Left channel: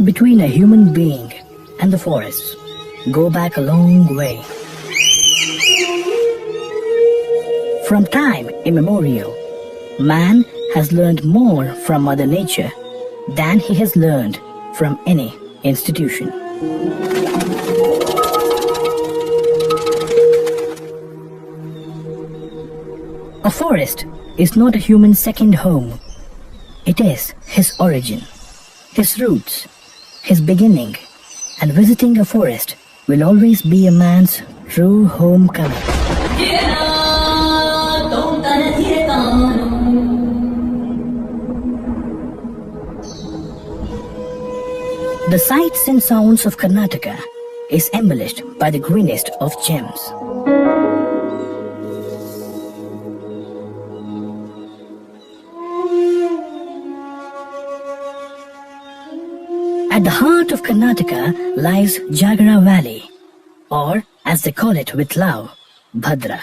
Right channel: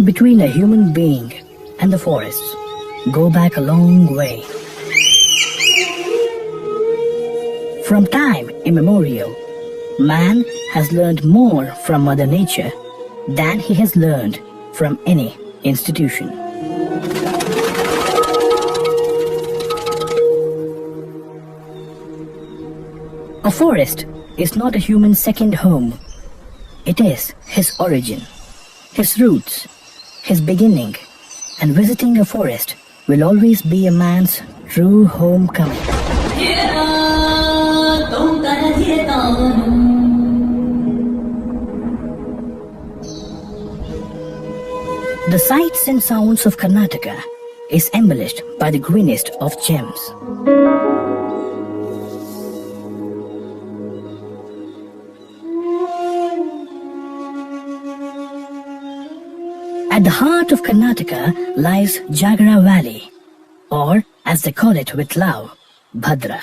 bond between a human being and the forests go back a long way. From time immemorial, man has learned more from Mother Nature than he has learned from any institution. A forest is not a human's second home. It is his origin, his roots, his beginning, and visiting a forest will always be a man's true homecoming. The sights and sounds of Karnataka is embellished by the greenest of gems. At the heart of Karnataka lies Jagara Valley, or as they call it with love, Bhadra.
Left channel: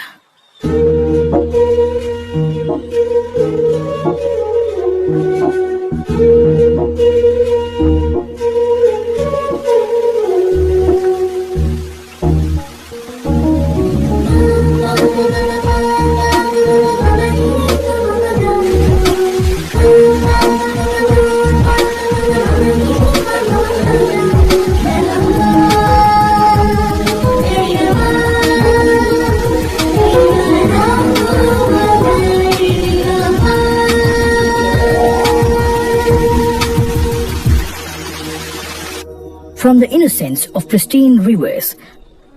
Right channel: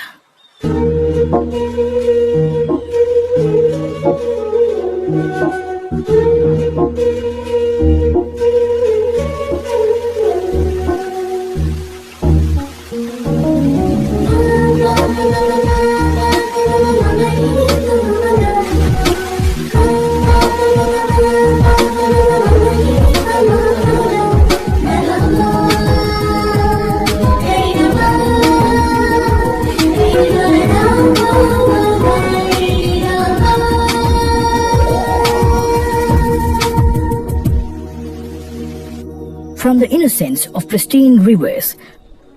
From the innocence of pristine rivers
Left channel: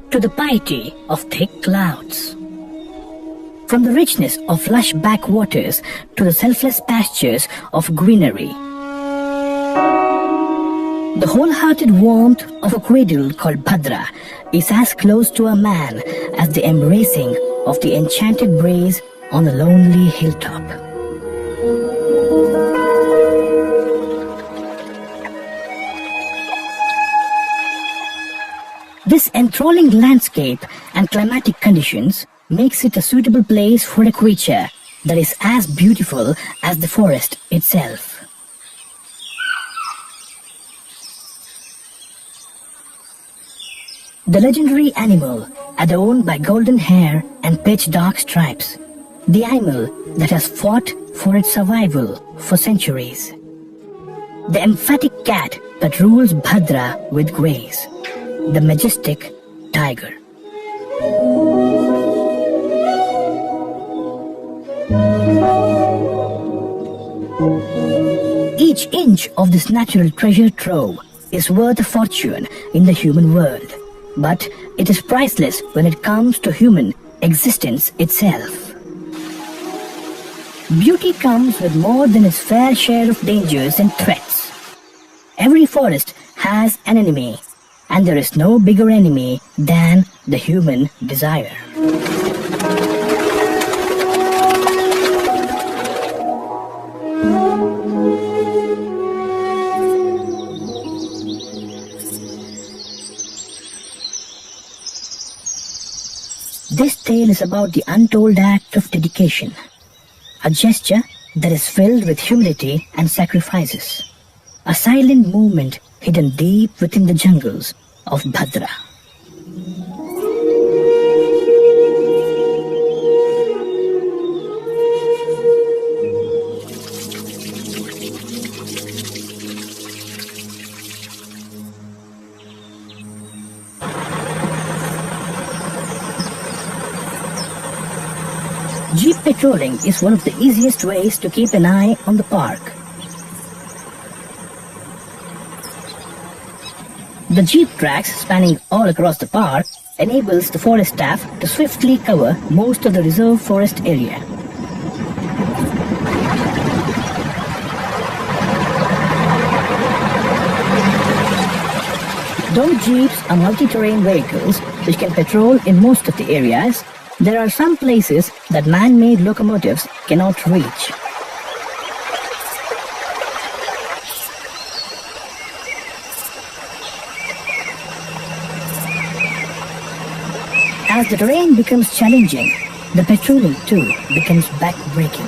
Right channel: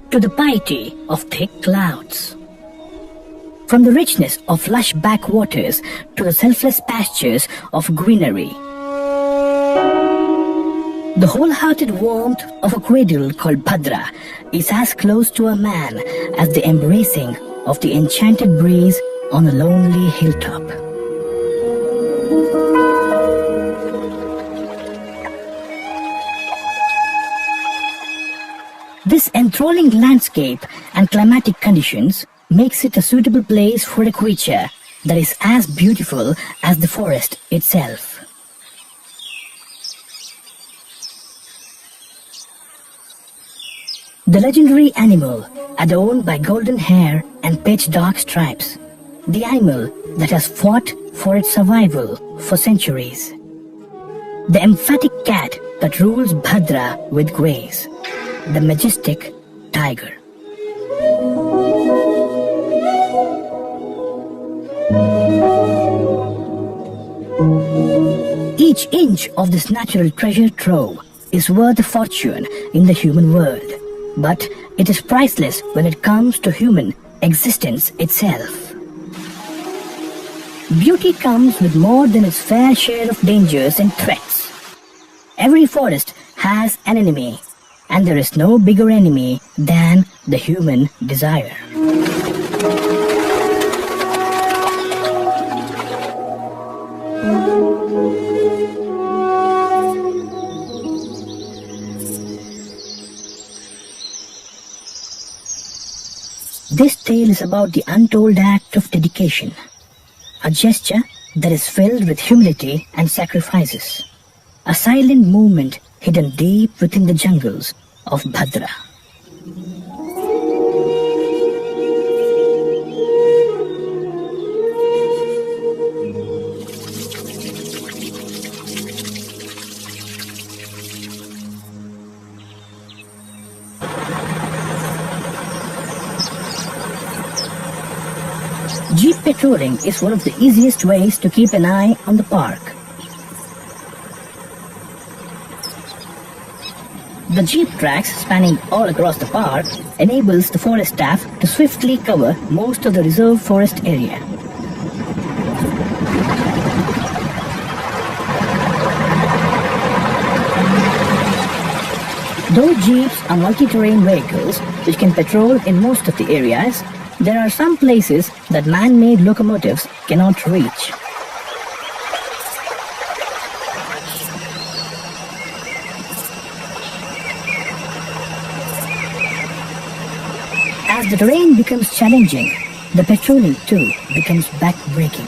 to the piety of thick clouds. From the richness of lush backwaters to the selfless pastures of greenery. The wholehearted warmth of a cradle called Bhadra is as close to a man as the embracing of the enchanted breeze on a lonely hilltop. This enthralling landscape and climatic conditions makes it a suitable place for a creature that is as beautiful as the forest itself. The legendary animal adorned by golden hair and pitch dark stripes. The animal that has fought for its survival for centuries. The emphatic cat that rules Bhadra with grace. The majestic tiger. Each inch of this natural treasure trove is worth a fortune in the human world, but it is priceless when it comes to human existence itself. Beauty comes with more than its fair share of dangers and threats. Every forest has an enemy, and there is no bigger enemy than the human desire. This tale is about the untold act of dedication, a gesture that is filled with humility and sacrifices, a silent movement hidden deep within the jungles of Bhadra. Jeep patrolling is one of the easiest ways to keep an eye on the park. The jeep tracks spanning all across the park enables the forest staff to swiftly cover most of the reserve forest area. Though jeeps are multi-terrain vehicles which can patrol in most of the areas, there are some places that man-made locomotives cannot reach. As the terrain becomes challenging, the patrolling too becomes back-breaking.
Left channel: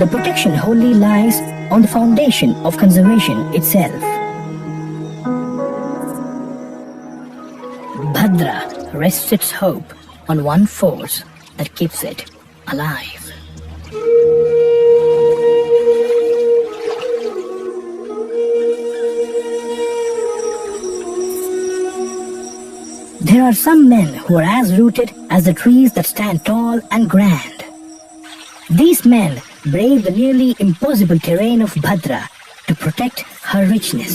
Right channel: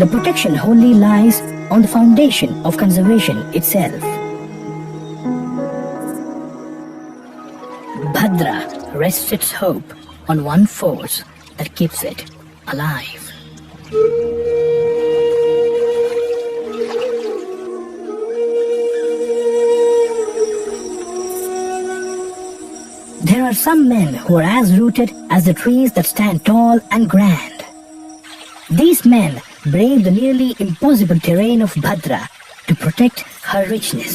the protection wholly lies on the foundation of conservation itself. Bhadra rests its hope on one force that keeps it alive. There are some men who are as rooted as the trees that stand tall and grand. These men brave the nearly impossible terrain of Bhadra to protect her richness.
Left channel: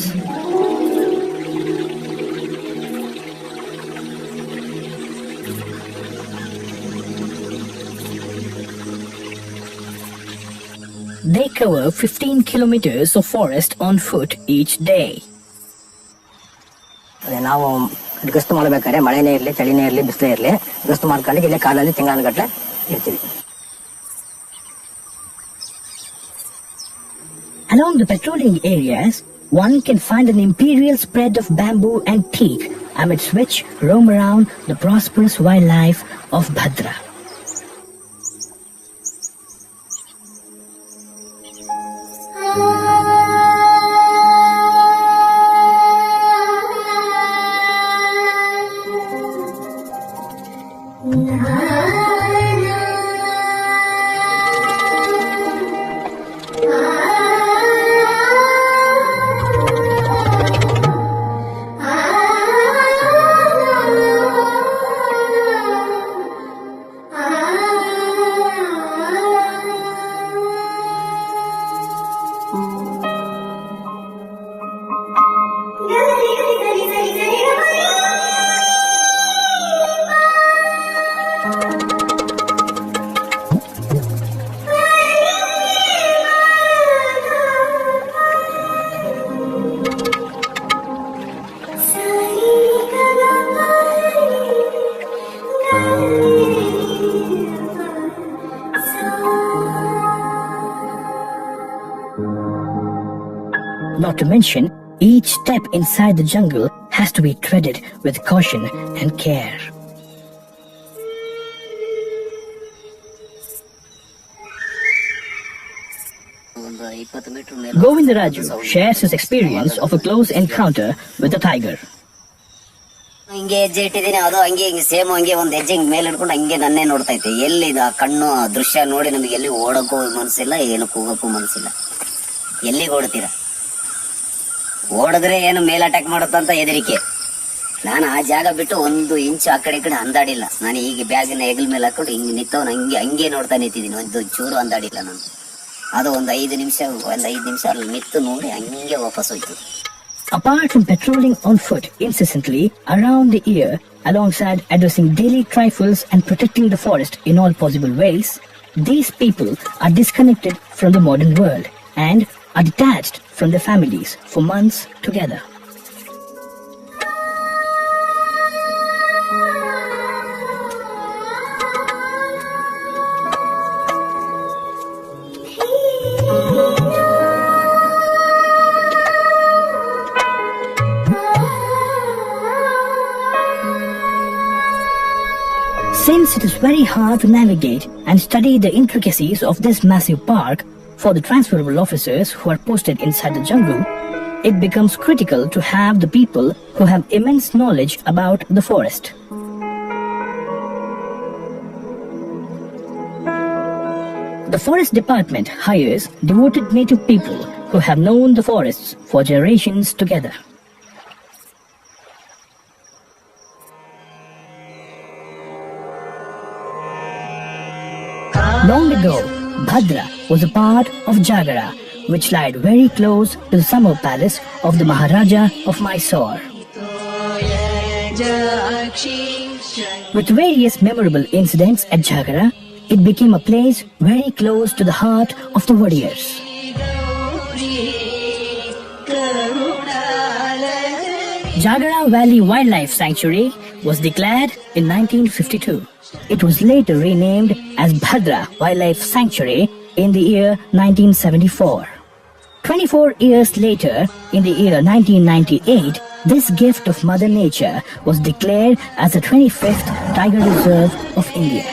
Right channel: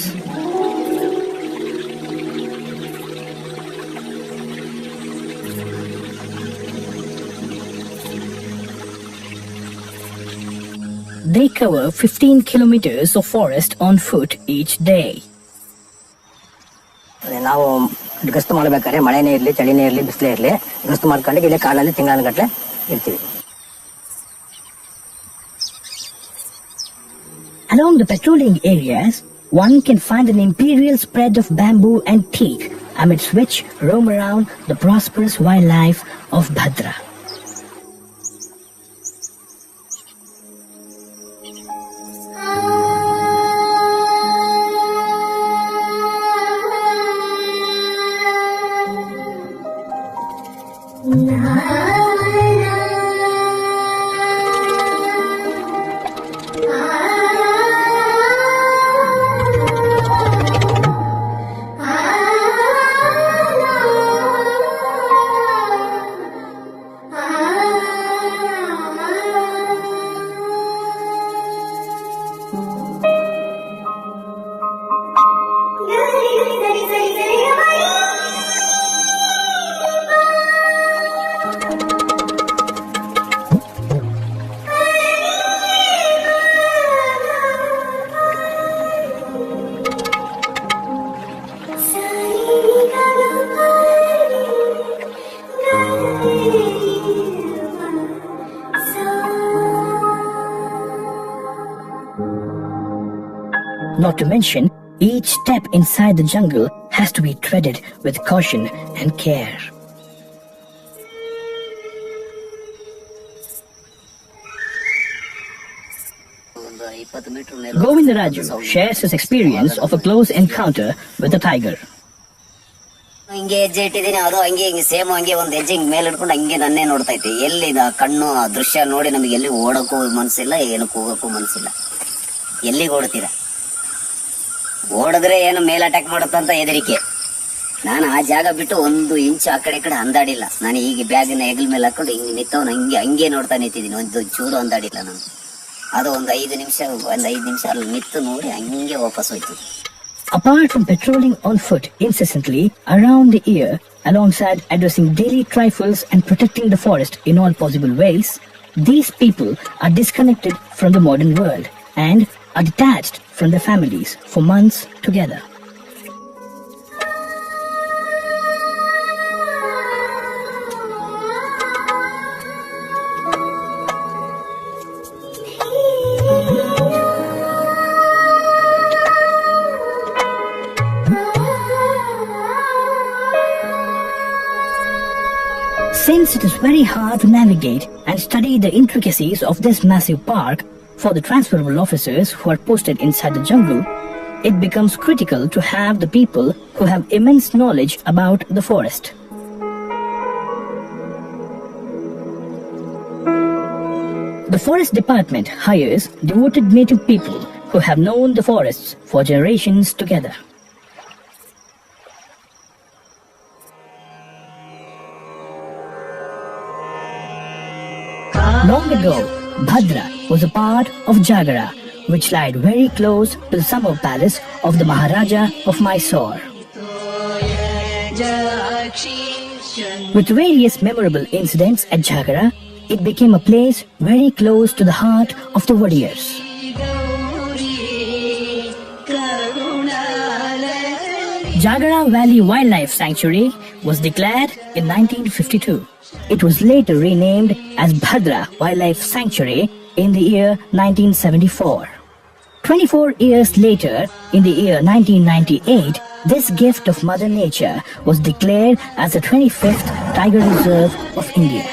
They cover 15 kilometers of forest on foot each day. ನಾವು ಗಸ್ತು ಮಾಡಬೇಕಾದ್ರೆ ಮಳೆನೇ ಇರಲಿ ಚಳಿನೇ ಇರಲಿ ಬಿಸಿಲೇ ಇರಲಿ ಗಸ್ತು ಮಾಡ್ಕೊಂಡು ಇಲ್ಲೇ ಕಾಡಲ್ಲಿ ತಿಂಗಳಗಟ್ಟಲೆ ಇರ್ತೀವಿ. Along the patrolling areas, one can find an imperial spread of bamboo and teak, amidst which roam around the prosperous wildlife of Bhadra. Not to mention, each step inside the jungle has to be treaded with caution and care. Govindaraju shares his experience of a close encounter with a tiger. ಹಿಂಗೆ ಹೆಜ್ಜೆ ಇಟ್ಟಿದ್ದೀನಿ, ಅದು ಹಂಗೆ ಹಿಂಗೆ same ಹಂಗೆ ಒಂದ್ ಹೆಜ್ಜೆ ಹಿಂಗೆ ಮೇಲೆ ಇಟ್ಕೊಂಡು ಹಂಗೆ ನನ್ನೇ ನೋಡ್ತಾ ಇತ್ತು. ಎಲ್ಲಿ ಆ ಕಣ್ಣು ಆ ದೃಶ್ಯ ನೋಡಿ ನಮಗೆ ಎಲ್ಲಿ ಓಡಕ್ಕೂ ಮನಸ್ಸಿಲ್ಲ, ಏನು ಕೂಗಕ್ಕೂ ಮನಸ್ಸಿಲ್ಲ. ಎಲ್ಲಿಗೆ ಓಡ್ತೀರಾ? ಓಡಿದ್ರೆ ಏನು ಮೇಲೆ ಅಟ್ಯಾಕ್ ಮಾಡುತ್ತಂತ ಹೆದರಿಕೆ. ನಾನು ಆ ಜಾಗ ಬಿಟ್ಟು ಒಂದು ಇಂಚು ಆ ಕಡೆ ಈ ಕಡೆ ಅಂದಾಡಿಲ್ಲ. ನಾನು ಈಗ ಬ್ಯಾಗಿನ ಹೆಗಲ ಮೇಲೆ ಹಾಕೊಂಡು ಹಿಂಗೆ ನಿಂತವನು ಹಂಗೆ ನೋಡ್ತಾ ನಿಂತಿದ್ದೀನಿ. ಒಂದು ಚೂರು ಅಂದಾಡಿಲ್ಲ ನಾನು. ಅದು ಒಂದು 5 ನಿಮಿಷ ಅಲ್ಲಿ ನಿಂತು ನೋಡಿ ಹಂಗೆ ವಾಪಸ್ ಹೋಯ್ತು. Apart from patrolling on foot incessantly around the year, alongside addressing daily trifles and protecting the forest in all possible ways, these people are disconnected from the modern world and are detached from their families for months together. Since it is very hard to navigate and study the intricacies of this massive park for the transferable officers who are posted inside the jungle, it becomes critical to have the people who have immense knowledge about the forest. The Forest Department hires devoted native people who have known the forests for generations together. Long ago, Bhadra was a part of Jagara, which lied very close to the summer palace of the Maharaja of Mysore. With various memorable incidents at Jagara, it became a place very close to the heart of the warriors. Jagara Valley Wildlife Sanctuary was declared in 1952. It was later renamed as Bhadra Wildlife Sanctuary in the year 1974. 24 years later, in the year 1998, this gift of Mother Nature was declared as the 25th Tiger Reserve of India.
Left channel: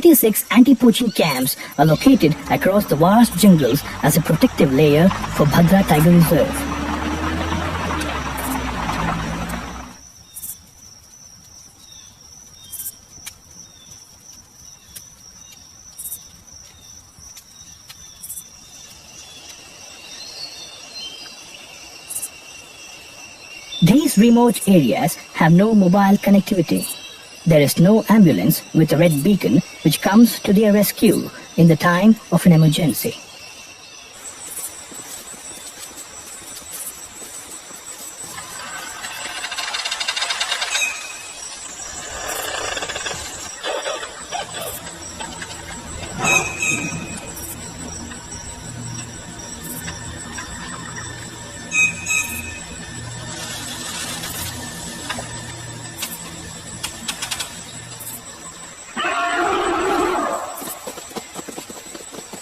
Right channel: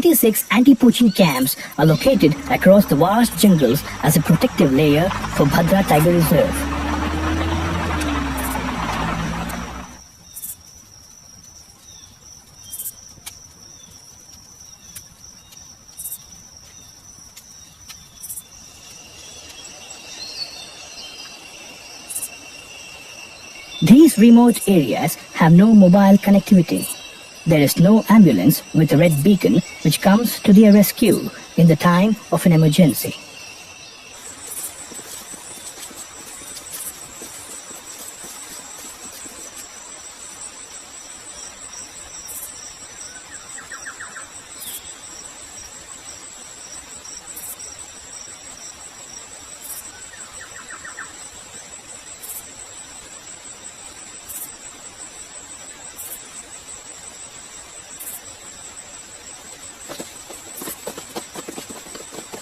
36 anti-poaching camps are located across the vast jungles as a protective layer for Bhadra Tiger Reserve. These remote areas have no mobile connectivity. There is no ambulance with a red beacon which comes to their rescue in the time of an emergency.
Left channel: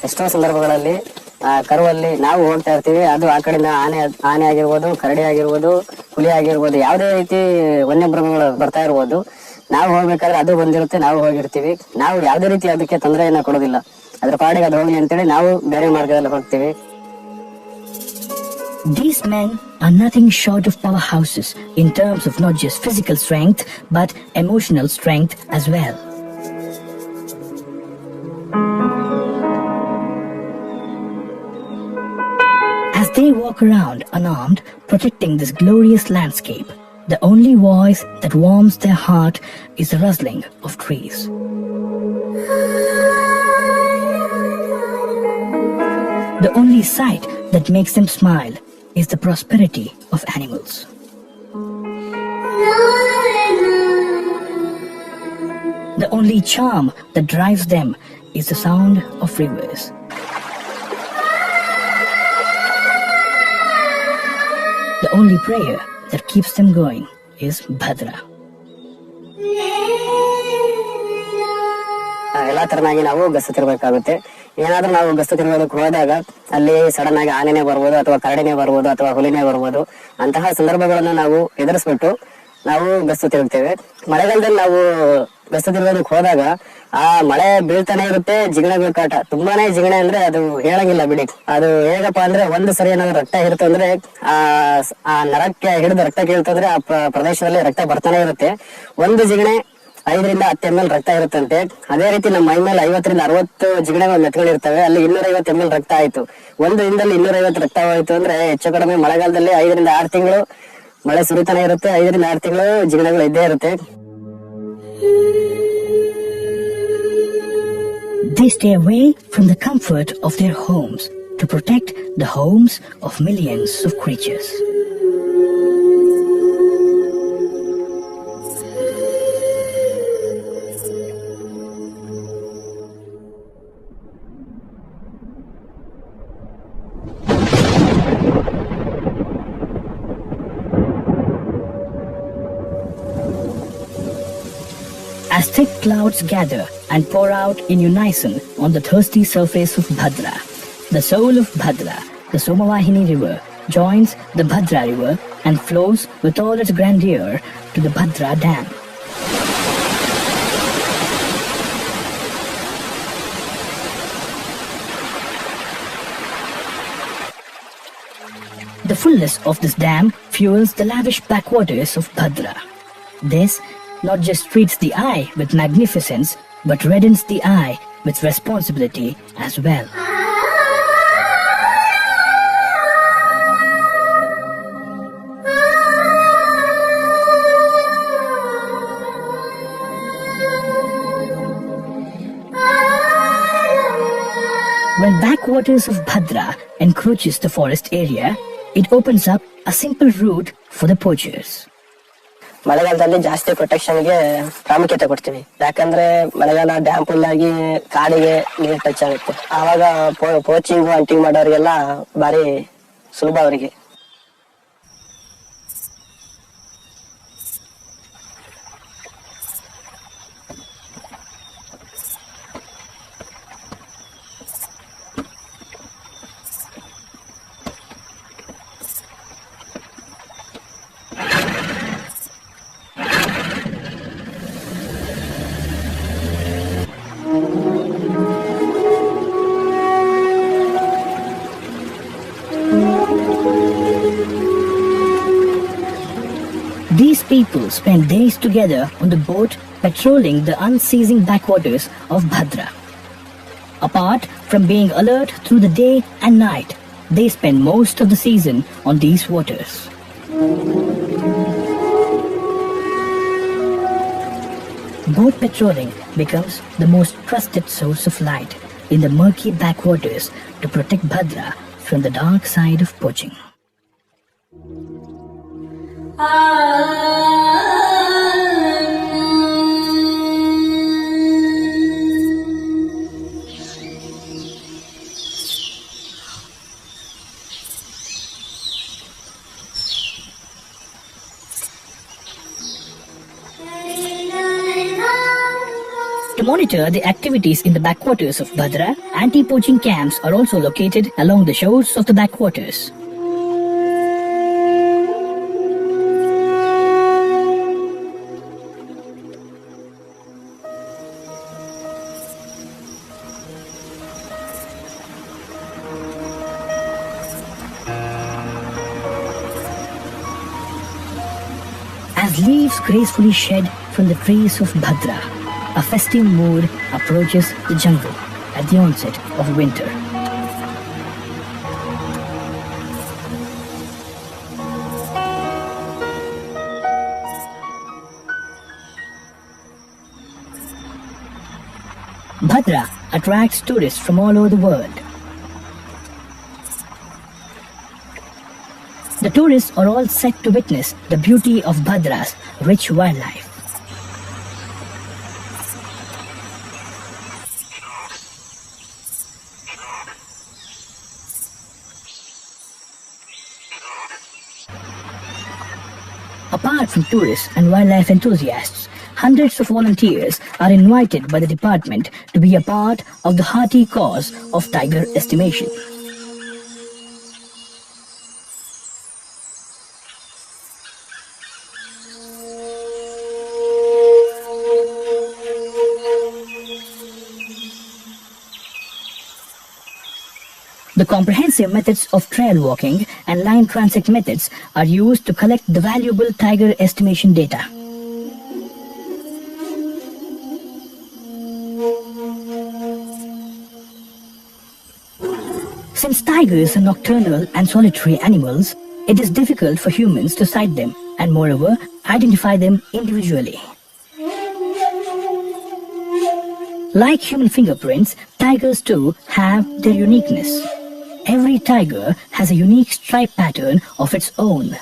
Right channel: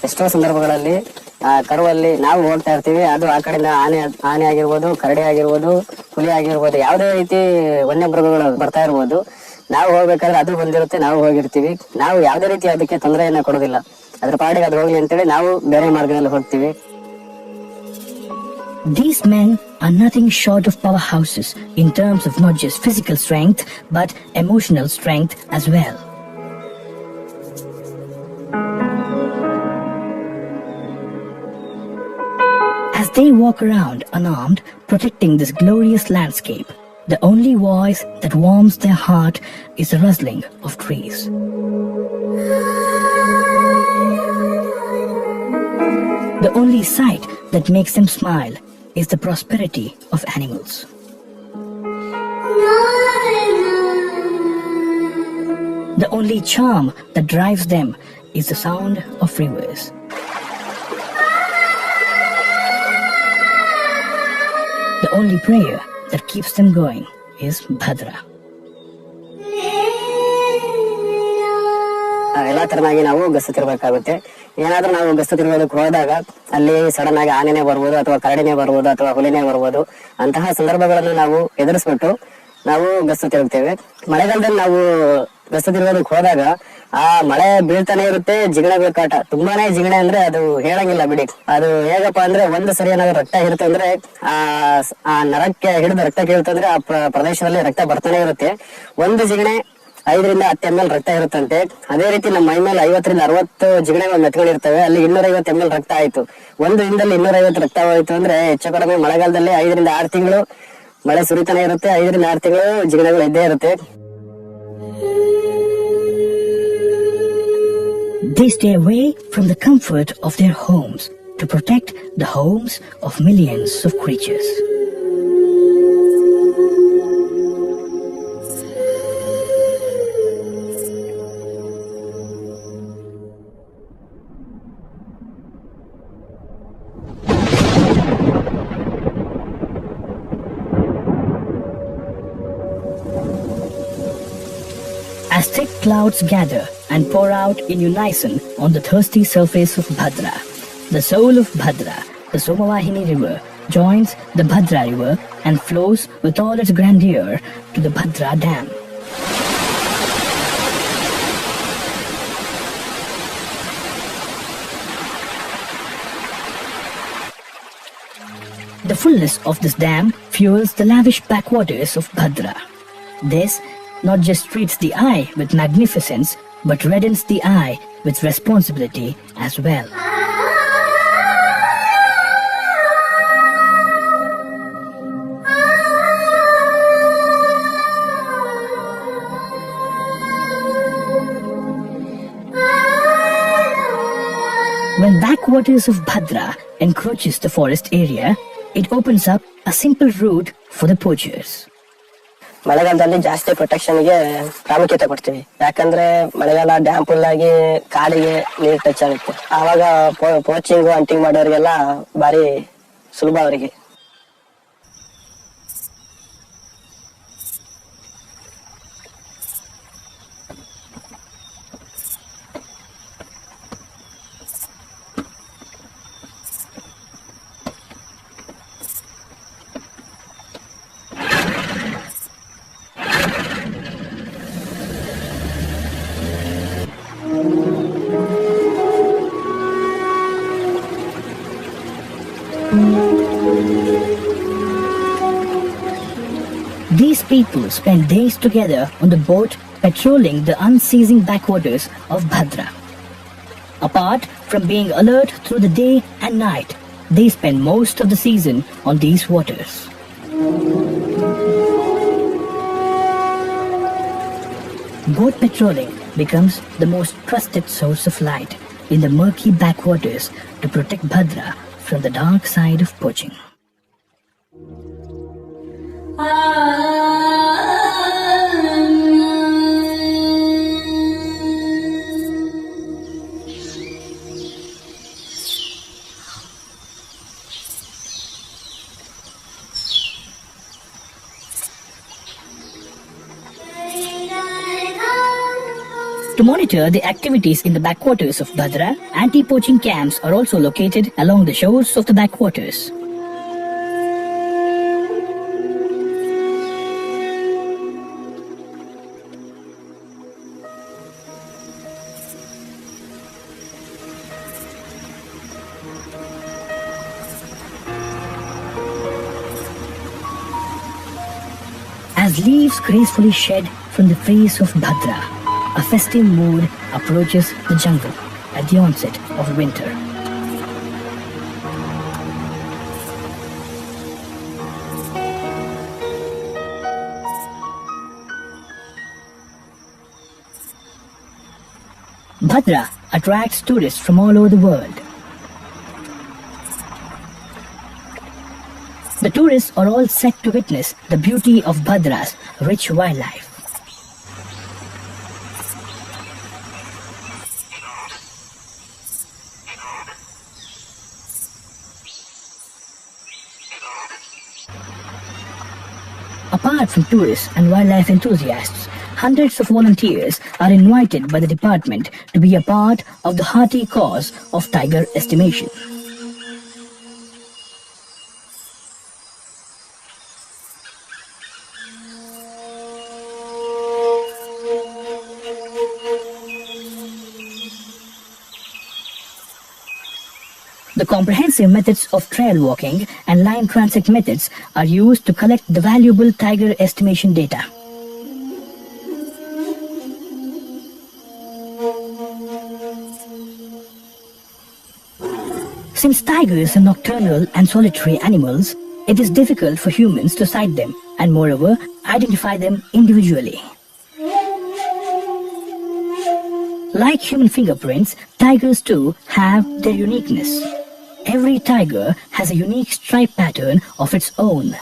ಎಷ್ಟೋ ಸಂದರ್ಭಗಳಲ್ಲಿ ಆ ಕರುವಲ್ಲಿ ನಾವು ಹೋಗ್ತಾ ಇರ್ತೀವಿ, ಅದು ಆ ಕಡೆಯಿಂದ ಆನೆ ಆಗಿರ್ಬೋದು, ಕರಡಿ ಆಗಿರ್ಬೋದು, ಹುಲಿ ಆಗಿರ್ಬೋದು, ಯಾವುದೇ ರೀತಿ ವನ್ಯಮೃಗಗಳು ಬರ್ತಾ ಇರ್ಬೋದು. ನಾವು ಹೋಗ್ಬೇಕಾದ್ರೆ ಅದು ಬಂದಿರುತ್ತೆ, ನಾವು ಹೋಗಿರ್ತೀವಿ. ನಾವು ಯಾವುದೇ ರೀತಿ ಅದಕ್ಕೆ ತೊಂದರೆಯನ್ನ ಕೊಡೋದಿಲ್ಲ. ಅದ್ರ ಪಾಡಿಗೆ ಅದು ಹೋಗ್ಲಿ ಅಂತೇಳಿ ನಾವು ಬೇರೆ ಮಾರ್ಗದಲ್ಲಿ ಹೋಗ್ತೀವಿ. These men are nothing short of powerhouses in terms of not just physical strength but emotional strength as well. As they walk around unarmed, protecting this glorious landscape, the only voice that warms their heart is the rustling of trees. The only sight that makes them smile is the prosperity of animals. The only charm that drives them is the sound of rivers. The only prayer that keeps them going is Bhadra. ಎಲ್ಲಾ ತರನಾಗಿ ನಾವು ಗಸ್ತು ತಿರ್ಬೇಕಾಗುತ್ತೆ. ಏನಾದ್ರೂ ನಾವು ಗಸ್ತು ತಿರುಗೋದಕ್ಕೆ ಹೋದಾಗ ಅಲ್ಲಿ sudden ಆಗಿ ಆನೆನೇ ಬರ್ಬೋದು, ಅಥವಾ ಕರಡಿನೇ ಬರ್ಬೋದು, ಅಥವಾ ಹುಲಿನೇ ಬರ್ಬೋದು. ಅಂತಹ ಸಂದರ್ಭಗಳನ್ನು ನಾವು ಎದುರಿಸ್ಬಿಟ್ಟು ನಾವು ಗಸ್ತು ತಿರುಗ್ತೇವೆ. ಮಳೆಗಾಲದಲ್ಲಿ ನಾವು ಗಸ್ತು ತಿರುಗೋದಕ್ಕೆ ಹೋದಾಗ ಆ ಮಳೆ ಬೀಳ್ತಾನೆ ಇರುತ್ತೆ, ಜಿಗಣೆಗಳ ಕಾಟ ತುಂಬಾನೇ ಜಿಗಣೆ ಅಂದ್ರೆ ಅದು ಹೇಳಂಗಿಲ್ಲ ಬಿಡಿ. ಅದು ಹೇಗಪ್ಪ ಅಂದ್ರೆ ಒಂದು ಸರಿ ಏನಾದ್ರು ರಕ್ತ ಇರುತ್ತೆ ಅಂದ್ರೆ ಆ ನರಕ್ಕೆ ಹಿಡಿದ ರಕ್ತ ಕೀಳ್ತಂದ್ರೆ ಆ ಪ್ರದೇಶದಲ್ಲಿ ರಕ್ತ ಬರ್ತಾನೆ ಇರುತ್ತೆ. ಒಂದು ಜಿಗಣೆ 5 ರಿಂದ 10 ml ರಕ್ತ ಇರುತ್ತಂತೆ. ಅದೇ ರೀತಿ ನಮ್ಮ ಮೈ ಮೇಲೆ 50 ರಿಂದ 60 ಜಿಗಣೆಗಳು ಮೆತ್ಕೊಂಡಿರ್ತವೆ. ಅಲ್ಲಿ 250 ml ರಕ್ತ ಆಯ್ತು. ಒಂದು ದಿನದಲ್ಲಿ 250 ರಕ್ತ ಹೋಯ್ತು ಅಂದ್ರೆ ಹೆಚ್ಚು ಕಡಿಮೆ ಮಳೆಗಾಲದಲ್ಲಿ 5 ರಿಂದ 6 ತಿಂಗಳು ಮಳೆ ಸುರಿತಾನೆ ಇರುತ್ತೆ. 5 ರಿಂದ 6 ತಿಂಗಳು ಜಿಗಣೆಗಳು ಇದ್ದೇ ಇರುತ್ತೆ. They stay away from the comfort of their homes to protect the homes of millions of creatures. As thick clouds gather and pour out in unison on the thirsty surface of Bhadra, the soul of Bhadra, the Somavahini river, joins the Bhadra river and flows with all its grandeur to the Bhadra dam. The fullness of this dam fuels the lavish backwaters of Bhadra. This not just treats the eye with magnificence, but reddens the eye with responsibility as well. When backwaters of Bhadra encroaches the forest area, it opens up a simple route for the poachers. ಮಳೆಗಾಲದಲ್ಲಿ ಜಾಸ್ತಿ ಪ್ರೊಟೆಕ್ಷನ್ಗೆ ಪ್ರಾಮುಖ್ಯತೆ ಕೊಡ್ತೀವಿ. ಯಾಕಂದ್ರೆ ಮಳೆಗಾಲ dam full ಆಗಿ ಕಾಡಿಗೆ ನೀರು touch ಆಗುತ್ತೆ. ಆವಾಗ ಪೋಚಿಂಗ್ ಹಂಟಿಂಗ್ ಮಾಡೋರಿಗೆಲ್ಲ ಬಾರಿ ಸುಲಭ ಅವರಿಗೆ. These people spend days together on the boat patrolling the unceasing backwaters of Bhadra. Apart from being alert through the day and night, they spend most of the season on these waters. Boat patrolling becomes the most trusted source of light in the murky backwaters to protect Bhadra from the dark side of poaching. To monitor the activities in the backwaters of Bhadra, anti-poaching camps are also located along the shores of the backwaters. As leaves gracefully shed from the trees of Bhadra, a festive mood approaches the jungle at the onset of winter. Bhadra attracts tourists from all over the world. The tourists are all set to witness the beauty of Bhadra's rich wildlife. Apart from tourists and wildlife enthusiasts, hundreds of volunteers are invited by the department to be a part of the hearty cause of tiger estimation. The comprehensive methods of trail walking and line transit methods are used to collect the valuable tiger estimation data. Since tigers are nocturnal and solitary animals, it is difficult for humans to sight them and moreover identify them individually. Like human fingerprints, tigers too have their uniqueness. Every tiger has a unique stripe pattern of its own.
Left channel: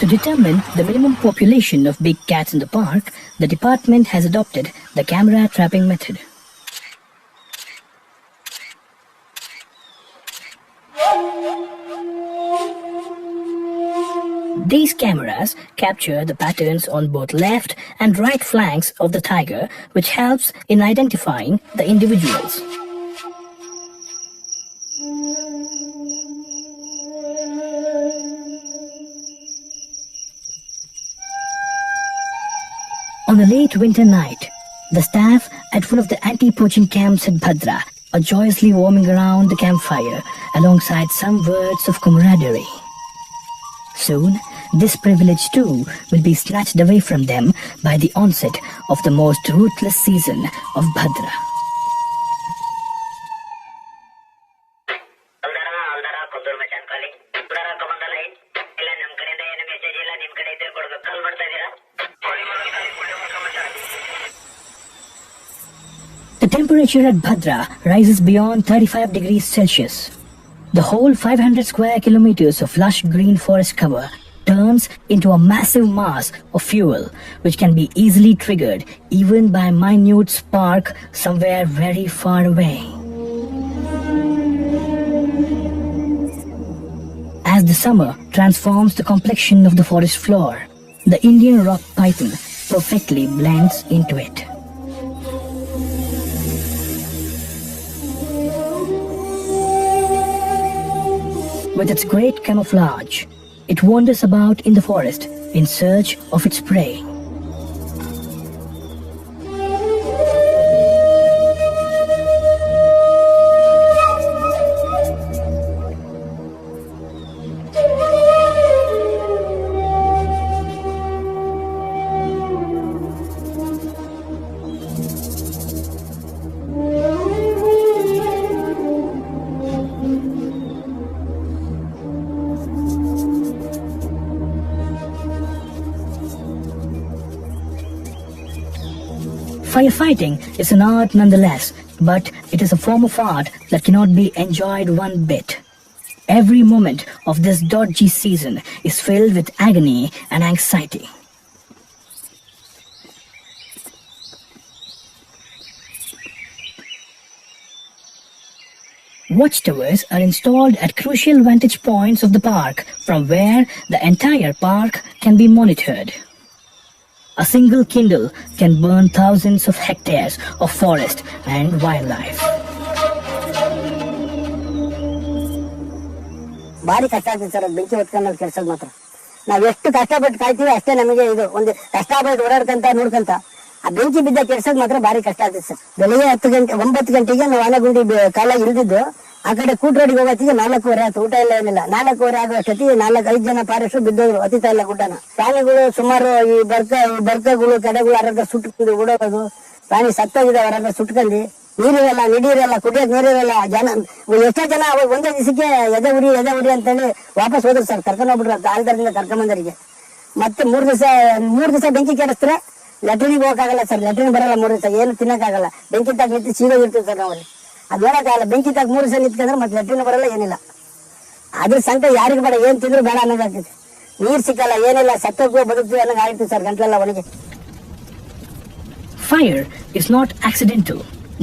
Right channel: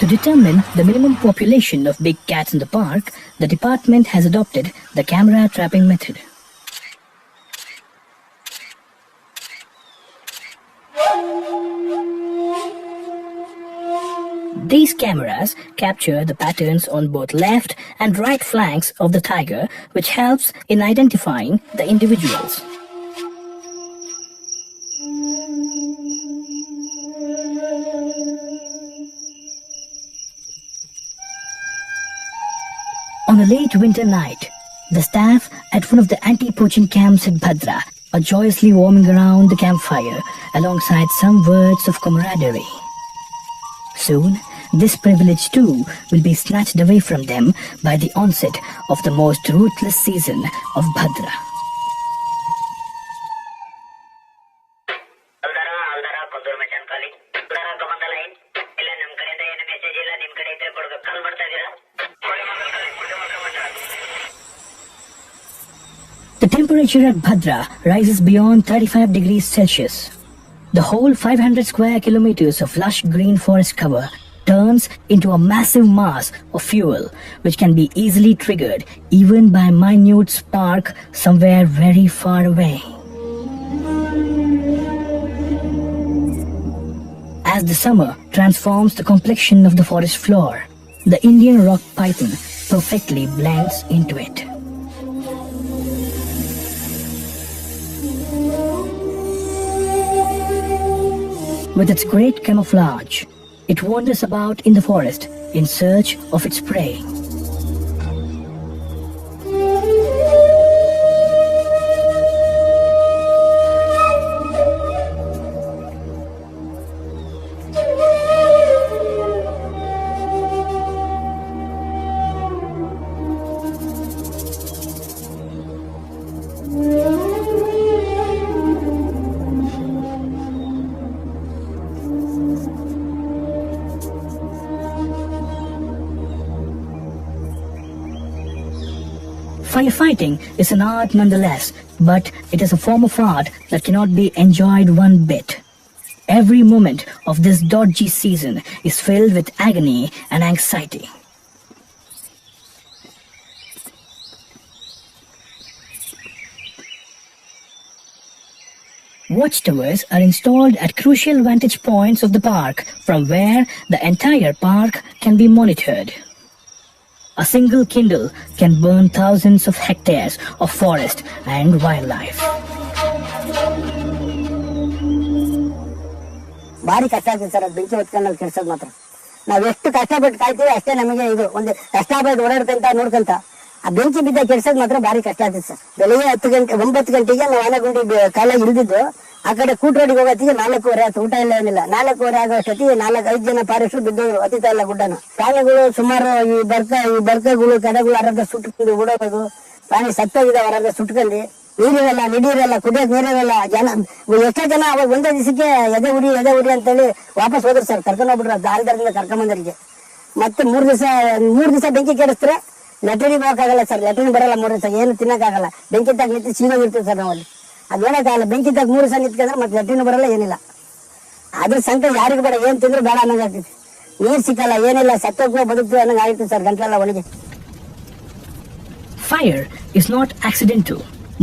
To determine the minimum population of big cats in the park, the department has adopted the camera trapping method. These cameras capture the patterns on both left and right flanks of the tiger, which helps in identifying the individuals. On a late winter night, the staff at one of the anti-poaching camps at Bhadra are joyously warming around the campfire alongside some words of camaraderie. Soon, this privilege too will be snatched away from them by the onset of the most ruthless season of Bhadra. The temperature at Bhadra rises beyond 35 degrees Celsius. The whole 500 square kilometers of lush green forest cover turns into a massive mass of fuel which can be easily triggered even by a minute spark somewhere very far away. As the summer transforms the complexion of the forest floor, the Indian rock python perfectly blends into it. With its great camouflage, it wanders about in the forest in search of its prey. Firefighting is an art nonetheless, but it is a form of art that cannot be enjoyed one bit. Every moment of this dodgy season is filled with agony and anxiety. Watchtowers are installed at crucial vantage points of the park, from where the entire park can be monitored. A single kindle can burn thousands of hectares of forest and wildlife. ಭಾರಿ ಕಷ್ಟ ಆಗ್ತದೆ sir, ಬೆಂಕಿ ಹೊತ್ಕೊಂಡು ಕೆಲ್ಸದ ಮಾತ್ರ. ನಾವ್ ಎಷ್ಟು ಕಷ್ಟಪಟ್ಟು ಕಾಯ್ತೀವಿ ಅಷ್ಟೇ ನಮಗೆ ಇದು. ಒಂದು ಕಷ್ಟಪಟ್ಟು ಓಡಾಡ್ಕಂತ ನೋಡ್ಕಂತ ಆ ಬೆಂಕಿ ಬಿದ್ದ ಕೆಲ್ಸದ ಮಾತ್ರ ಭಾರಿ ಕಷ್ಟ ಆಗ್ತದೆ ಸರ್. ಬೆಳಿಗ್ಗೆ 9 ಗಂಟೆಗೆ ನಾವು ಆನೆಗುಂಡಿ ಕಾಲ ಇಳಿದಿದ್ದು, ಆ ಕಡೆ ಕೂಟ್ರೋಡಿಗೆ ಹೋಗೋತ್ತಿಗೆ 4:15 ಆಯ್ತು. ಊಟ ಇಲ್ಲ ಏನಿಲ್ಲ. 4:15 ಆಗೋ ಅಷ್ಟೊತ್ತಿಗೆ 4-5 ಜನ ಫಾರೆಸ್ಟ್ ಬಿದ್ದೋದ್ರು, ಹತ್ತಿತಾ ಇಲ್ಲ ಗುಡ್ಡನ. ಪ್ರಾಣಿಗಳು ಸುಮಾರು ಈ ಬರ್ಕಗಳು ಕಡೆಗಳು ಅರ್ಧ ಸುಟ್ಕೊಂಡು ಓಡೋದು, ಪ್ರಾಣಿ ಸತ್ತೋಗಿದಾವ ಅರ್ಧ ಸುಟ್ಕೊಂಡು. ನೀರಿರಲ್ಲ, ನೀರಿರಲ್ಲ, ಕುಡಿಯೋಕೆ ನೀರಿರಲ್ಲ. ಜನ ಎಷ್ಟೋ ಜನ ಅವಾಗ ಒಂದೇ ದಿವಸಕ್ಕೆ ಎದೆ ಉರಿ ಅಂತೇಳಿ ವಾಪಸ್ ಹೋದ್ರು ಸರ್. ಕರ್ಕೊಂಡು ಹೋಗ್ಬಿಟ್ರು ದಾಳದಿಂದ ಕರ್ಕೊಂಬಂದರಿಗೆ. ಮತ್ತೆ 3 ದಿವಸ ಬೆಂಕಿ ಕೆಡಿಸ್ತಾರೆ. ಲೆಟ್ರಿನಿಗೆ ಹೋಗಕ್ಕಾಗಲ್ಲ ಸರ್, ಲೆಟ್ರಿನ್ ಬರಲ್ಲ 3 ದಿವಸ, ಏನು ತಿನ್ನಕ್ಕಾಗಲ್ಲ. ಬೆಂಕಿ ತಾಗ ನಿಂತು ಸೀದೋಗಿರ್ತೀವಿ ಸರ್ ನಾವಲ್ಲಿ. ಅದು ಹೇಳಕ್ಕಾಗಲ್ಲ. ಬೆಂಕಿ ತಾಗ 3 ದಿವಸ ನಿಂತ್ಕೊಂಡ್ರೆ ಮತ್ತೆ ಲೆಟ್ರಿನ್ ಬರಲ್ಲ, ಏನಿಲ್ಲ. ಅದ್ರ ಸಂಕಟ ಯಾರಿಗೆ ಬೇಡ, ಏನ್ ತಿಂದ್ರು ಬೇಡ ಅನ್ನೋದಾಗ್ತೈತಿ. ನೀರ್ ಸಿಕ್ಕಲ್ಲ, ಏನಿಲ್ಲ, ಸತ್ತೋಗ್ತೀವಿ ಬದುಕ್ತೀವಿ ಅನ್ನೋಂಗೆ ಆಗ್ತದೆ ಸರ್ ಗಂಟೆಲ್ಲ ಮನೆಗೆ. Fire is not accidental.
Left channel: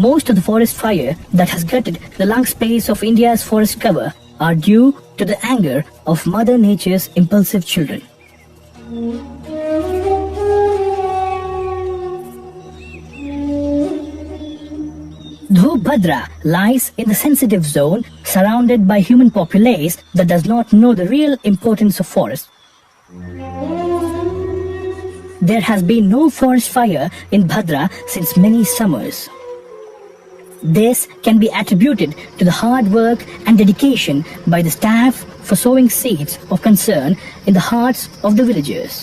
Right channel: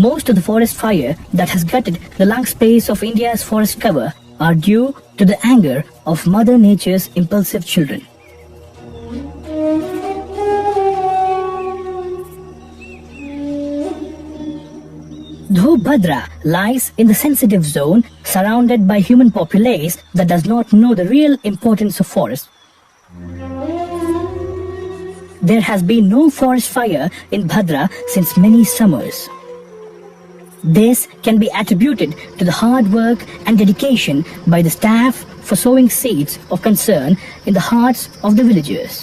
Most of the forest fire that has gutted the lung space of India's forest cover are due to the anger of Mother Nature's impulsive children. Though Bhadra lies in the sensitive zone surrounded by human populace that does not know the real importance of forests, there has been no forest fire in Bhadra since many summers. This can be attributed to the hard work and dedication by the staff for sowing seeds of concern in the hearts of the villagers.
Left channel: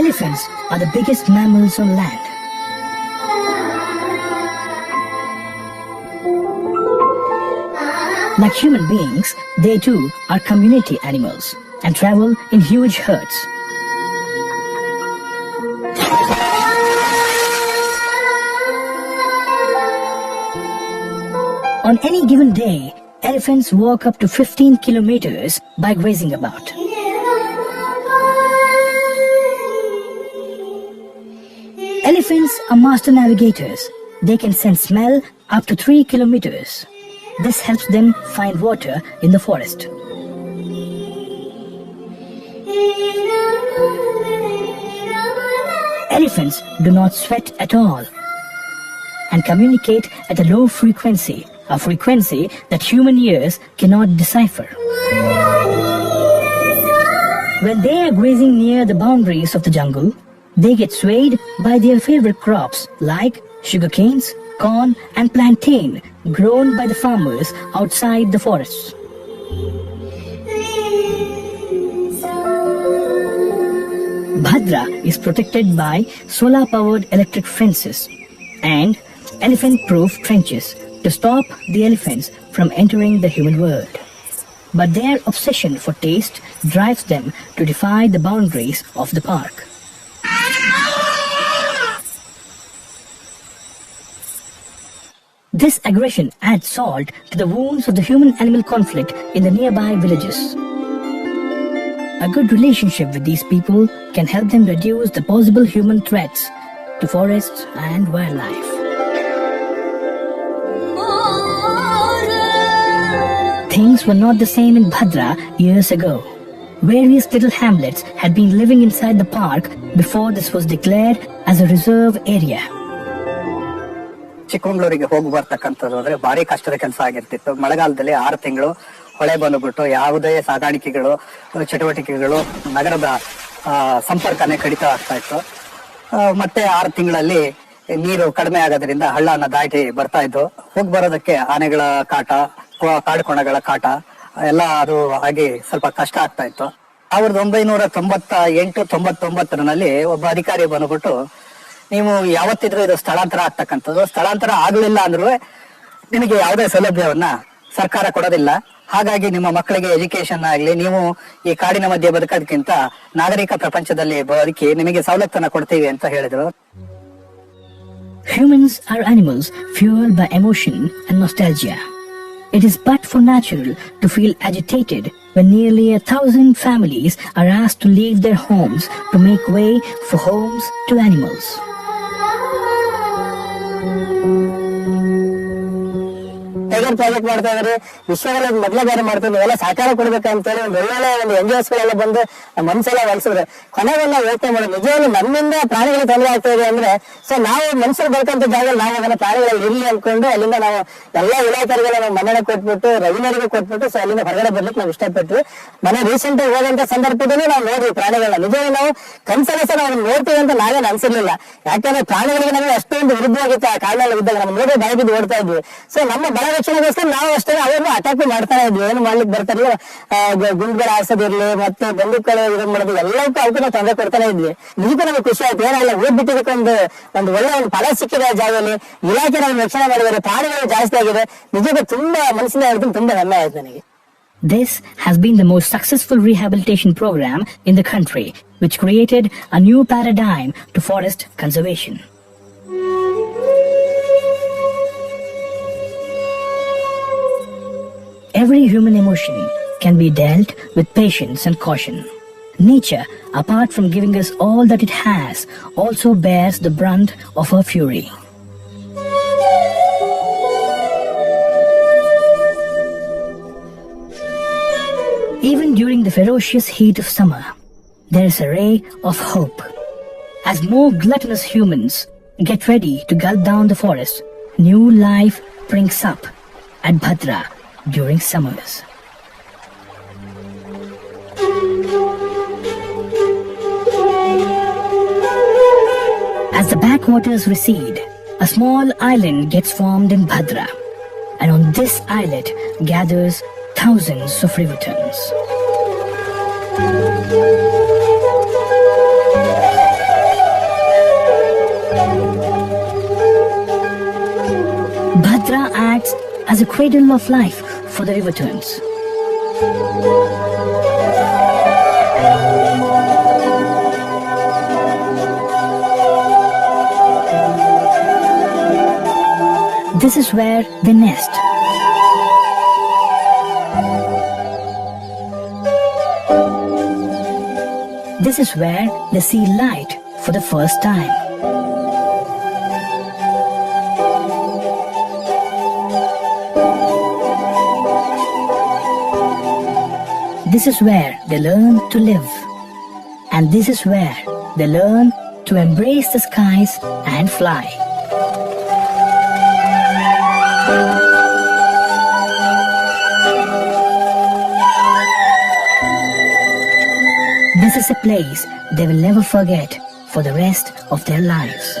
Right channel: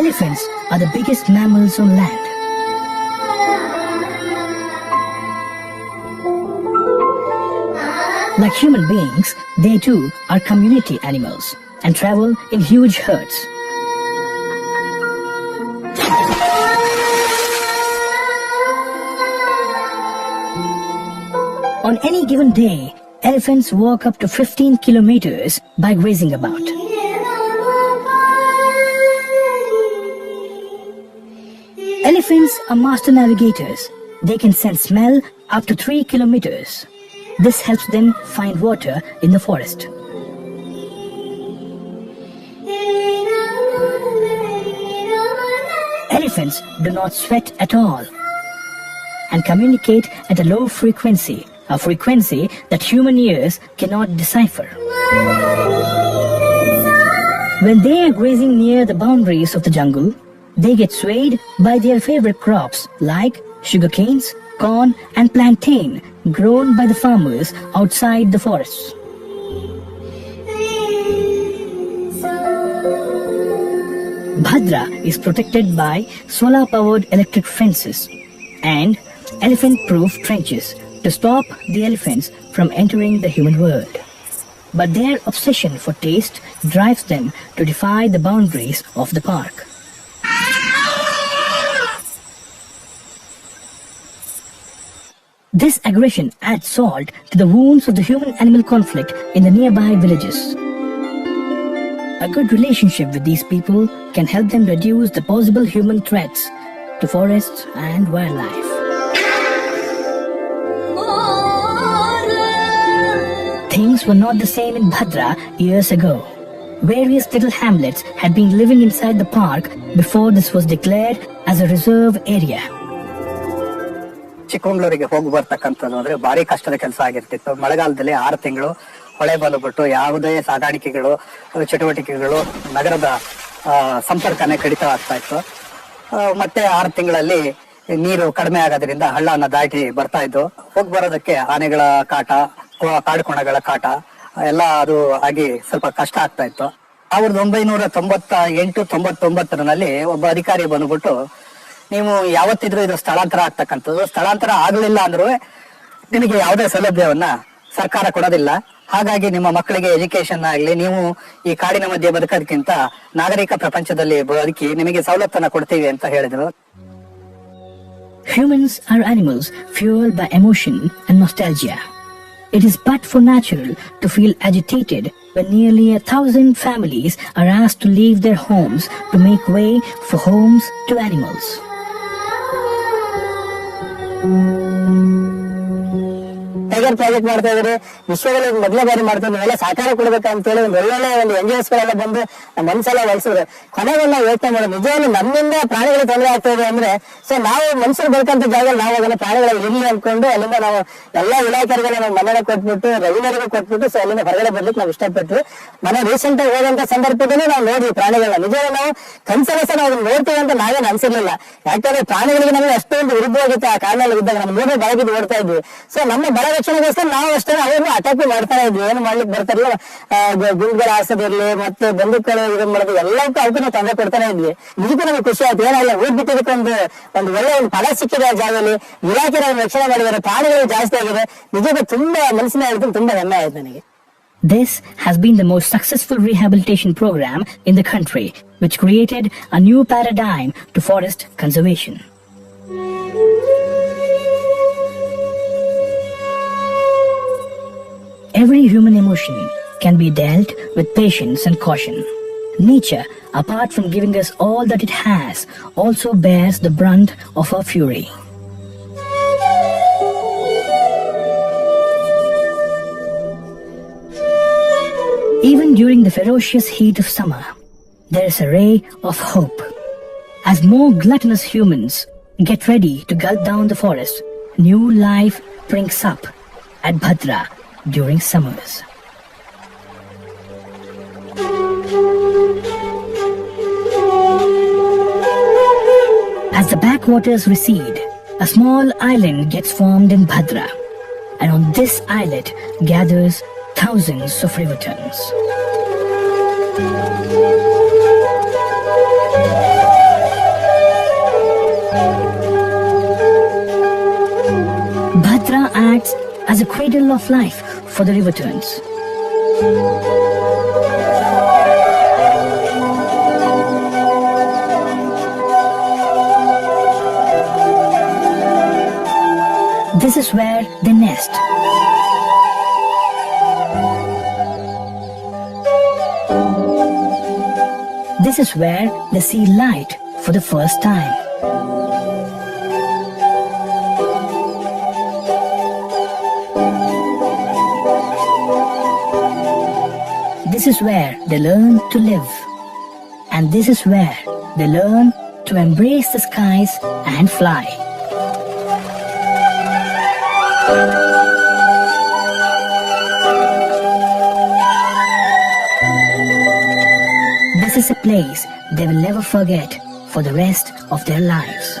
Elephants are the biggest mammals on land. Like human beings, they too are community animals and travel in huge herds. On any given day, elephants walk up to 15 kilometers by grazing about. Elephants are master navigators. They can sense smell up to 3 kilometers. This helps them find water in the forest. Elephants do not sweat at all and communicate at a low frequency, a frequency that human ears cannot decipher. When they are grazing near the boundaries of the jungle, they get swayed by their favorite crops like sugarcanes, corn and plantain grown by the farmers outside the forests. Bhadra is protected by solar-powered electric fences and elephant-proof trenches to stop the elephants from entering the human world. But their obsession for taste drives them to defy the boundaries of the park. This aggression adds salt to the wounds of the human-animal conflict in the nearby villages. A good relationship with these people can help them reduce the possible human threats to forests and wildlife. Things were not the same in Bhadra years ago. Various little hamlets had been living inside the park before this was declared as a reserve area. ಚಿಕ್ಕಮಗಳೂರಿಗೆ ಹೋಗಿ ಬರ್ತಕ್ಕಂಥದ್ದು ಅಂದ್ರೆ ಭಾರಿ ಕಷ್ಟದ ಕೆಲಸ ಆಗಿರ್ತಿತ್ತು. ಮಳೆಗಾಲದಲ್ಲಿ 6 ತಿಂಗಳು ಹೊಳೆ ಬಂದ್ಬಿಟ್ಟು ಯಾವುದೇ ಸಾಗಾಣಿಕೆಗಳು ಚಟುವಟಿಕೆಗಳು ನಗರದ ಸಂಪರ್ಕನೇ ಕಡಿತ ಆಗ್ತಾ ಇತ್ತು. ಮತ್ತೆ 6 ತಿಂಗಳಲ್ಲಿ ನೀರು ಕಡಿಮೆ ಆಗೋದ್ರಿಂದ ಹಳ್ಳನ ದಾಟಿ ಬರ್ತಾ ಇದ್ದು. ಹೋಗಿ ಬರೋದಕ್ಕೆ ಆನೆಗಳ ಕಾಟ, ಕಾಡುಕೋಣಗಳ ಕಾಟ ಎಲ್ಲ ಅದು ಆಗಿ ಸ್ವಲ್ಪ ಕಷ್ಟ ಆಗ್ತಾ ಇತ್ತು. 1998-99 ಒಬ್ಬ ಅಧಿಕಾರಿ ಬಂದ್ಬಿಟ್ಟು ನೀವು ಯಾವತ್ತಿದ್ರೂ ಇದು ಸ್ಥಳಾಂತರ ಆಗ್ತಕ್ಕಂಥದ್ದು. ಸ್ಥಳಾಂತರ ಆಗಲಿಲ್ಲ ಅಂದ್ರೂ ನಿಮಗೆ ಯಾವುದೇ ಸೌಲಭ್ಯವನ್ನ ಸರ್ಕಾರ ಕೊಡೋದಿಲ್ಲ. ಹಾಗಾಗಿ ನಿಮ್ಮ ಮಕ್ಕಳಿಗೆ ಎಜುಕೇಶನ್ ಆಗಲಿ, ನೀವು ಈ ಕಾಡಿನ ಮಧ್ಯೆ ಬದುಕೋದಕ್ಕಿಂತ ನಾಗರಿಕ ಪ್ರಪಂಚದಲ್ಲಿ ಬದುಕಿ ನಿಮಗೆ ಸವಲತ್ತನ್ನ ಕೊಡ್ತೀವಿ ಅಂತ ಹೇಳಿದ್ರು. Humans are animals fueled by emotion and nostalgia. It is but for natural to feel agitated when nearly 1,000 families are asked to leave their homes to make way for homes to animals. Tiger project ಮಾಡ್ತಾ ಇದ್ರೆ ವಿಶ್ವದಲ್ಲಿ ಮೊದಲೇ ಬಾರಿ ಮಾಡ್ತಾರೆ, ನಾವೆಲ್ಲ ಸಹಕಾರ ಕೊಡ್ಬೇಕಂತೇಳಿ ಒಳ್ಳೊಳ್ಳೆ ಒಂದು NGOs ಗಳೆಲ್ಲ ಬಂದು ನಮ್ಮ ಮನಸ್ಸೆಲ್ಲ ಒಲಿಸಿದ್ರೆ ಕೊನೆಗೆ ನಾವು ಯೋಚನೆ ಮಾಡೋದು ನಿಜವಾಗ್ಲೂ ನಮ್ಮಿಂದ ಪ್ರಾಣಿಗಳು ತೊಂದರೆ ಆಗ್ತಾ ಇದೆ ಅಂದ್ರೆ ಸೊ ನಾವು ಮನುಷ್ಯರು ಬೇಕಂತ ಜಾಗದಲ್ಲಿ ನಾವು ಅದನ್ನ ಪ್ರಾಣಿಗಳು ಇರಲಿ ಅನ್ಕೊಂಡು ಅಲ್ಲಿಂದ ನಾವು ಎಲ್ಲಾ ಇಲಾಖೆಗಳಿಗೆಲ್ಲ ನಾವು ಮನೆಗೆ ಕೊಟ್ಬಿಟ್ಟು ರೆವಿನ್ಯೂಗೆ ಕೊಟ್ಬಿಟ್ಟು ಸೊ ಅಲ್ಲಿಂದ ಹೊರಗಡೆ ಬರ್ಲಿಕ್ಕೆ ನಾವು ಇಷ್ಟಪಟ್ವಿ. ಮನೆ ರೀಸೆಂಟ್ ಆಗಿ ಹೋದಂತ ಸಂದರ್ಭದಲ್ಲಿ ನಾವು ನೋಡ್ವಿ ಪ್ರಾಣಿಗಳನ್ನ. ನಿಜವಾಗಿ ನಾವು ಕನ್ಸಲಸ ನಾವು ನೋಡ್ತೀವಿ ಅಂತ ನಾವೇನು ಅನ್ಸಿರ್ಲಿಲ್ಲ. ಯಾಕಂದ್ರೆ ಪ್ರಾಣಿಗಳಿಗೆ ನಮಗೆ ಅಷ್ಟೊಂದು ವಿರುದ್ಧವಾಗಿತ್ತು ಆ ಕಾರಣದಲ್ಲಿ ಇದ್ದಾಗ ನಮ್ಮ ನೋಡೋ ಬಾಯಿಗೆ ಓಡ್ತಾ ಇದ್ವಿ. ಸೊ ನಮ್ಮ ಬಲ ರಕ್ಷಣೆಗೋಸ್ಕರ ನಾವು ಅಷ್ಟೇ ಅವ್ರನ್ನು ಅಟ್ಯಾಕ್ ಮಾಡ್ತಾನೆ ಇದ್ವಿ. ಏನು ಮಾಡ್ಲಿಕ್ಕೆ ಬರ್ತಾರಲ್ಲ, ಗುಂಡ್ಗಳು ಹಾರಿಸೋದಿರ್ಲಿ ಮತ್ತೆ ಬಂದೂಕಗಳು ಇದನ್ನ ಮಾಡೋದು ಎಲ್ಲಕ್ಕೂ ಅವಕ್ಕೆ ನಾವು ತೊಂದರೆ ಕೊಡ್ತಾನೆ ಇದ್ವಿ. ನಿಜಕ್ಕೂ ನಮಗೆ ಖುಷಿ ಆಯ್ತು. ಏನಿಲ್ಲ ಊರ್ ಬಿಟ್ಟಿದ್ದಕ್ಕೆ ಒಂದು ಒಳ್ಳೆ ಒಂದು ಪದ ಸಿಕ್ಕಿದೆ ಆ ಜಾಗದಲ್ಲಿ. ಇಲಾಖೆ ರಕ್ಷಣೆ ಮಾಡಿದ್ದಾರೆ, ಪ್ರಾಣಿಗಳು ಜಾಸ್ತಿ ಆಗಿದೆ. ನಿಜಕ್ಕೂ ತುಂಬಾ ಮನಸ್ಸಿನ ಆಯ್ತು, ತುಂಬಾ ಹೆಮ್ಮೆ ಆಯ್ತು ನನಗೆ. This has been the most successful rehabilitation program in the country, which created a new paradigm to forest conservation. Every human emotion can be dealt with patience and caution. Nature, apart from giving us all that it has, also bears the brunt of her fury. Even during the ferocious heat of summer, there is a ray of hope. As more gluttonous humans get ready to gulp down the forest, new life springs up at Bhadra during summers. As the backwaters recede, a small island gets formed in Bhadra, and on this islet gathers thousands of rivertongues. Bhadra acts as a cradle of life for the rivertongues. This is where they nest. This is where they see light for the first time. This is where they learn to live. And this is where they learn to embrace the skies and fly. This is a place they will never forget for the rest of their lives.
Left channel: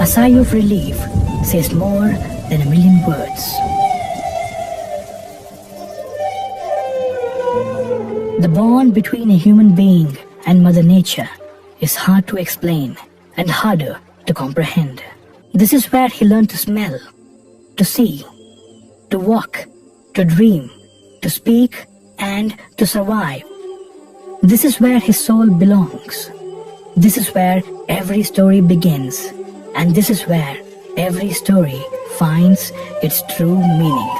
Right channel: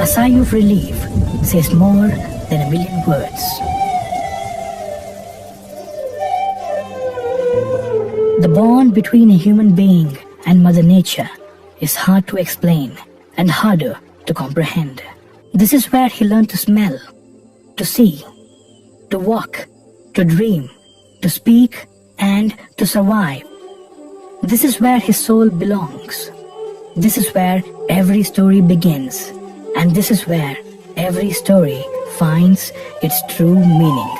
A sigh of relief says more than a million words. The bond between a human being and Mother Nature is hard to explain and harder to comprehend. This is where he learned to smell, to see, to walk, to dream, to speak, and to survive. This is where his soul belongs. This is where every story begins. And this is where every story finds its true meaning.